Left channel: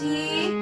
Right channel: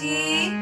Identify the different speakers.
Speaker 1: tea.